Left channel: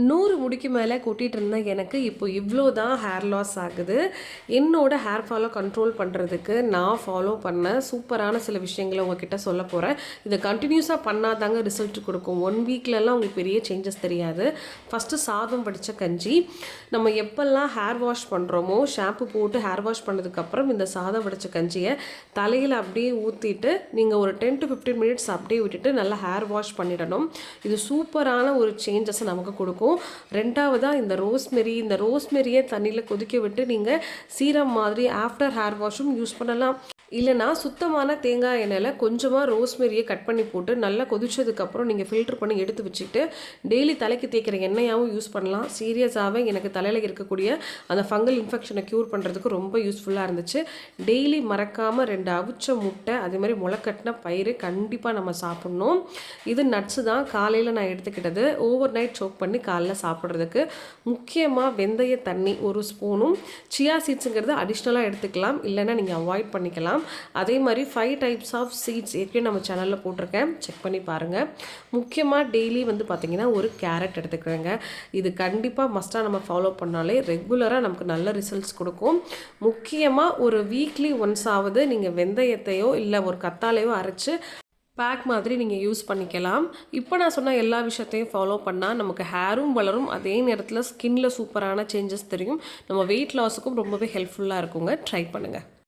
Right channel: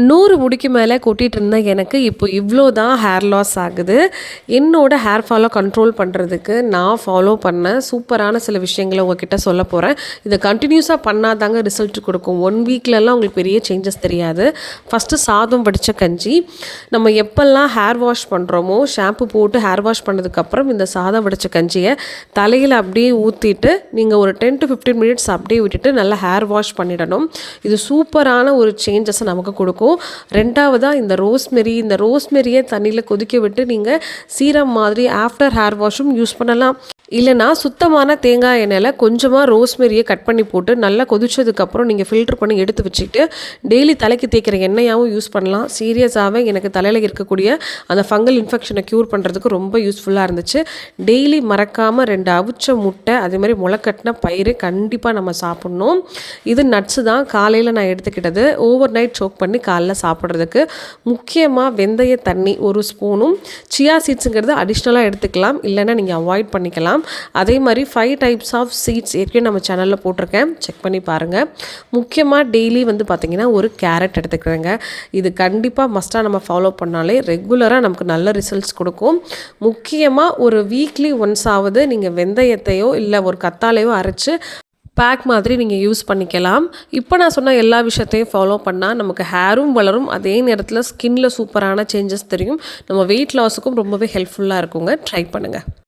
100 முடிக்கு மேலே கொட்டிகிட்டு இருந்தேன். எனக்கு இப்போ இவ்வளோ தான் ஹேர் லாஸ் ஆகுது. என்னோடய ஹேர் ஃபாலை கண்ட்ரோல் பண்ணுறதுக்கு நான் ஃபாலோ பண்ண சூப்பரான சில விஷயங்களை உங்ககிட்ட சொல்ல போகிறேன். இதை கண்டினியூஸாக பண்ணாதாங்க ரிசல்ட் கொடுக்கும். 1 வீக்லலாம் உங்களுக்கு பெரிய சேஞ்சஸ் தெரியாது. ஃபஸ்ட்டு சாதம் வடித்த கஞ்சி. நம்ம எப்போல்லாம் ஹேர் வாஷ் பண்ணுறோமோ, ஷாம்பு போட்டு ஹேர் வாஷ் பண்ணதுக்கப்புறம் இந்த சாதம் வடித்த கஞ்சியை தலையில் அப்படியே ஊற்றிட்டு நீங்கள் ஒரு 10 to 15 மினிட்ஸ் அப்படியே விட்டுட்டு நல்லா ஹேர் வாஷ் பண்ணிடணும். இது சூப்பரான ஒரு சேஞ்சஸை நமக்கு கொடுக்கும். ரெண்டாவதாக இந்த ரோஸ்மெரியை தண்ணியில் கொதிக்க விட்டு நீங்கள் சீரம் மாதிரி ஆஃப்டர் ஹேர் வாஷும் யூஸ் பண்ணலாம். இல்லைனா சுத்தமான தேங்காய் எண்ணெயில் கொஞ்சமாக ரோஸ்மெரியை கட் பண்ணி போட்டு நல்லா கொதிச்சதுக்கப்புறம் நீங்கள் ஃபில்ட்ரு பண்ணி எடுத்து வச்சுக்கிட்டு டெய்லி தலைக்கு தேய்க்கிற எண்ணெயாகவும் யூஸ் பண்ணலாம். சீரியஸாகவே எனக்கு தலையில் இருக்கக்கூடிய அந்த ஃபங்கல் இன்ஃபெக்ஷனை க்யூர் பண்ணுறதுக்கு ரொம்ப யூஸ்ஃபுல்லாக இருந்துச்சு. டெய்லி மறக்காமல் 2 அவிச்ச முட்டை அதே மாதிரி முளைக்கட்டின பயிறு கண்டிப்பாக நம்ம சாப்பிட்ணும். இது நட்ஸு தான் காலையில் நான் எடுத்துக்கிட்டது. ஓவர் நைட் சோக் பண்ணி காலைல சாப்பிட்றதுக்கு. முக்கியமாக வெந்தய தண்ணி 1 ஸ்பூனும், சியா சீட்ஸுங்கிறது அடிஷ்னலாக எடுத்துக்கலாம், இல்லைன்னா நீங்கள் அவாய்ட் பண்ணிக்கலாம். அதே மாதிரி 5 டைப்ஸ் ஆஃப் சீட்ஸ் ஏற்கனவே நம்ம சேனலில் போட்டிருக்கேன், செக் பண்ணி பாருங்கள். முக்கியமாக டெய்லி பார்த்திங்கன்னா ஒரு கேரட் எடுத்துக்கிறேங்க. இது கண்டிப்பாக மஸ்ட்டாக நம்ம ஃபாலோ பண்ணாலே ரெகுலராக நமக்கு நல்ல ரிசல்ட்ஸ் கொடுக்கும். முக்கியமாக ஒரு வீக்லி ஒன்ஸ் ஆவது நீங்கள் வெந்தயத்தையோ இல்லை ஒரு கத்தாழையோ அரைச்சி பேக் மாதிரி நீங்கள் யூஸ் பண்ணிக்கலாம். இப்போ நான் சொன்ன எல்லா விஷயத்தையும் ஃபாலோ பண்ணால் நமக்கு ஹேரும் வளரும், அதே நேரத்தில் ஸ்கின்னில் சூப்பரான சேஞ்சஸ் தெரியும். நம்ம வெயிட் லாஸுக்கும் ரொம்பவே ஹெல்ப்ஃபுல்லாக இருக்குங்க. ட்ரை பண்ணுங்கள்.